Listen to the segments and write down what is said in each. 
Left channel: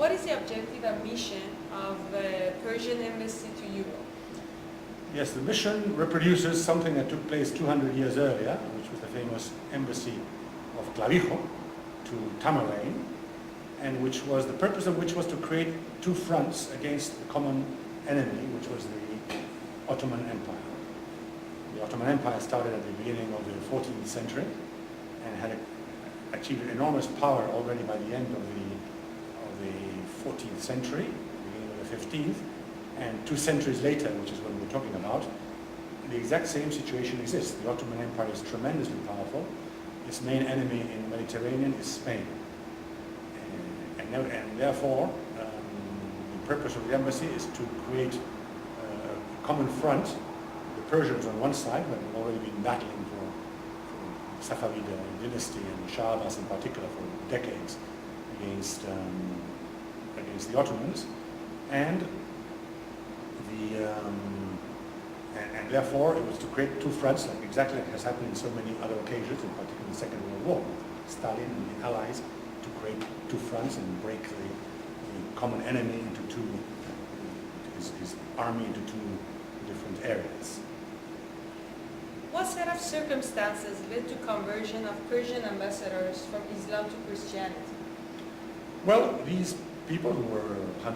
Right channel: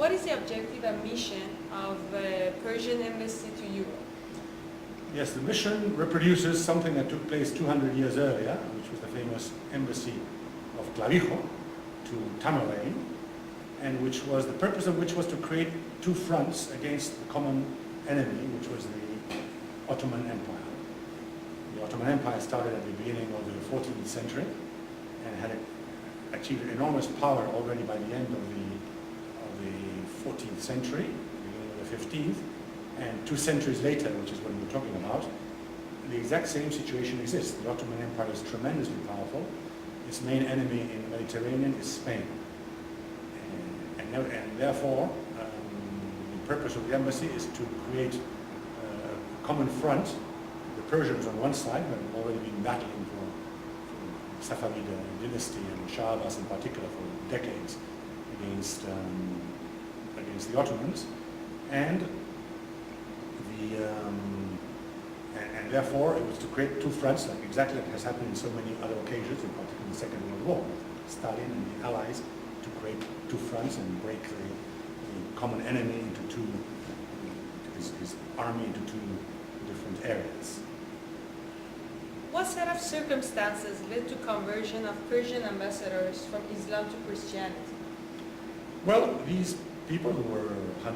what is the objective and mission of the Persian embassy to Europe? Yes, the mission reproduces something that took place 200 years earlier, which was the famous embassy of Clavijo to Tamerlán, and which was the purpose of which was to create two fronts against the common enemy, which was the Ottoman Empire. The Ottoman Empire started at the beginning of the 14th century and had achieved enormous power already by the end of the 14th century, beginning of the 15th, and 2 centuries later, which is what we're talking about, the exact same situation exists. The Ottoman Empire is tremendously powerful. Its main enemy in the Mediterranean is Spain. And therefore, the purpose of the embassy is to create a common front. The Persians on one side, who have already been battling for the Safavid dynasty and the Shah Abbas in particular for decades against the Ottomans, and therefore it was to create two fronts, like exactly like has happened in so many other occasions, in particular the Second World War. Stalin and the Allies to create two fronts and break the common enemy into two, his army into two different areas. What set of circumstances led to conversion of Persian ambassadors from Islam to Christianity? Well, these people who were 100%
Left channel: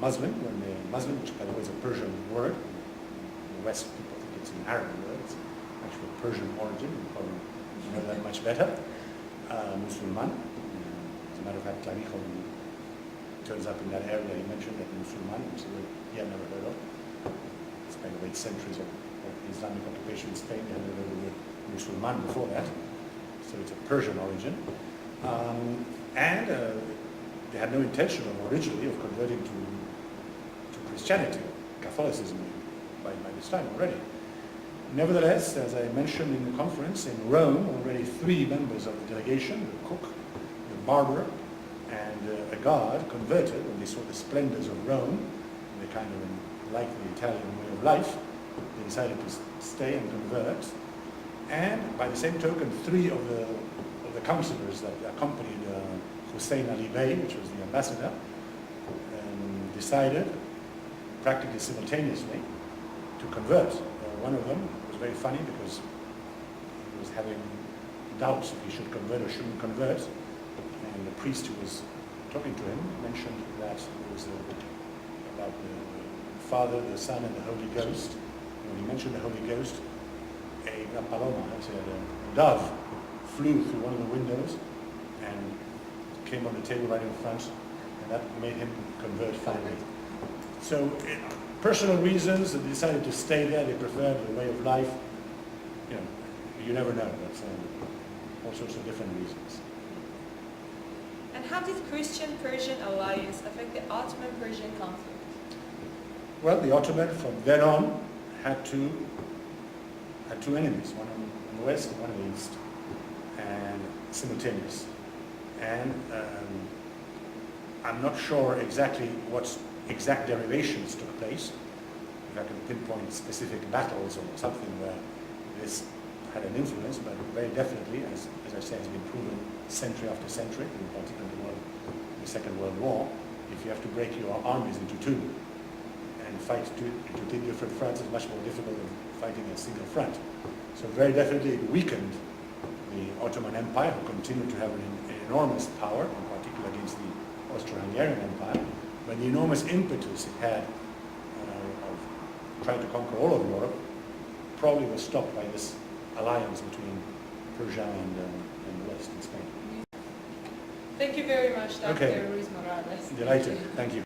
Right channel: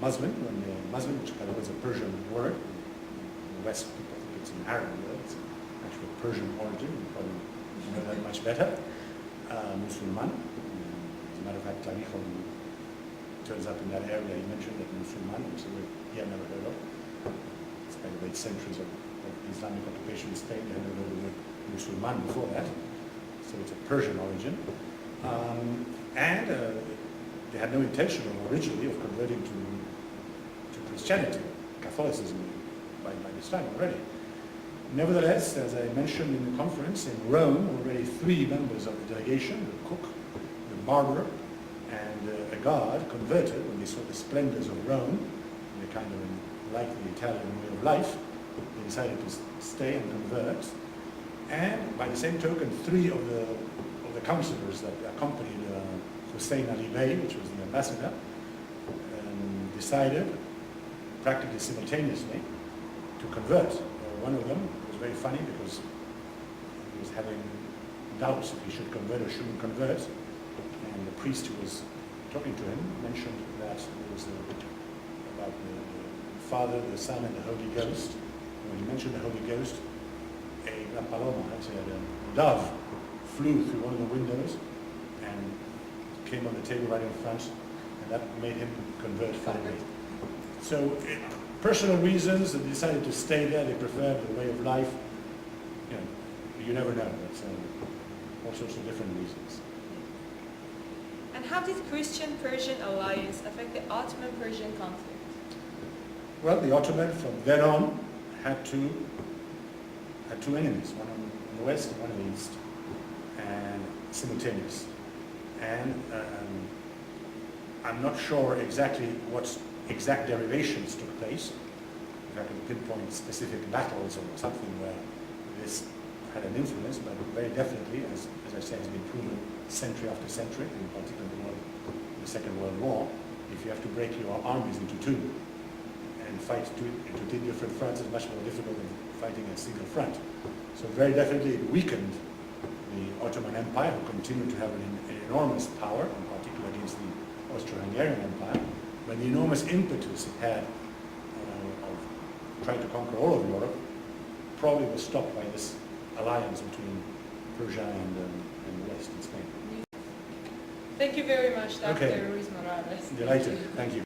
Muslim, when they're Muslim, which by the way is a Persian word. In the West, people think it's an Arab word. It's actually a Persian origin. You probably know that much better. Musulman. As a matter of fact, Clavijo turns up in that area. He mentioned that Musulman, which is a word he had never heard of. It's by the late centuries of Islamic occupation in Spain. They had never heard of the word Musulman before that. So it's a Persian origin. They had no intention originally of converting to Christianity, Catholicism, by this time already. Nevertheless, as I mentioned in the conference, in Rome, already 3 members of the delegation, the cook, the barber, and a guard, converted when they saw the splendors of Rome. They kind of liked the Italian way of life. They decided to stay and convert. And by the same token, 3 of the counselors that accompanied Hussein Ali Bey, which was the ambassador, decided practically simultaneously to convert. One of them was very funny because he was having doubts if he should convert or shouldn't convert, and the priest who was talking to him mentioned that it was about the Father, the Son, and the Holy Ghost. And when he mentioned the Holy Ghost, a paloma, a dove, flew through one of the windows and came on the table right in front, and that made him convert finally. So, personal reasons, they decided to stay there. They preferred the way of life. You know, you never know. That's all sorts of different reasons. And how did Christian-Persian alliance affect the Ottoman-Persian conflict? Well, the Ottoman from then on had two enemies, one on the west and one on the east, and simultaneous. And I'm not sure exactly what exact derivations took place. If I can pinpoint specific battles or something where this had an influence, but very definitely, as I say, has been proven century after century, in particular the Second World War, if you have to break your armies into two and fight into 2 different fronts, it's much more difficult than fighting a single front. So very definitely it weakened the Ottoman Empire, who continued to have an enormous power, in particular against the Austro-Hungarian Empire, but the enormous impetus it had of trying to conquer all of Europe probably was stopped by this alliance between Persia and the West and Spain. Thank you very much, Dr. Okay. Ruiz Morales. Delighted. Thank you.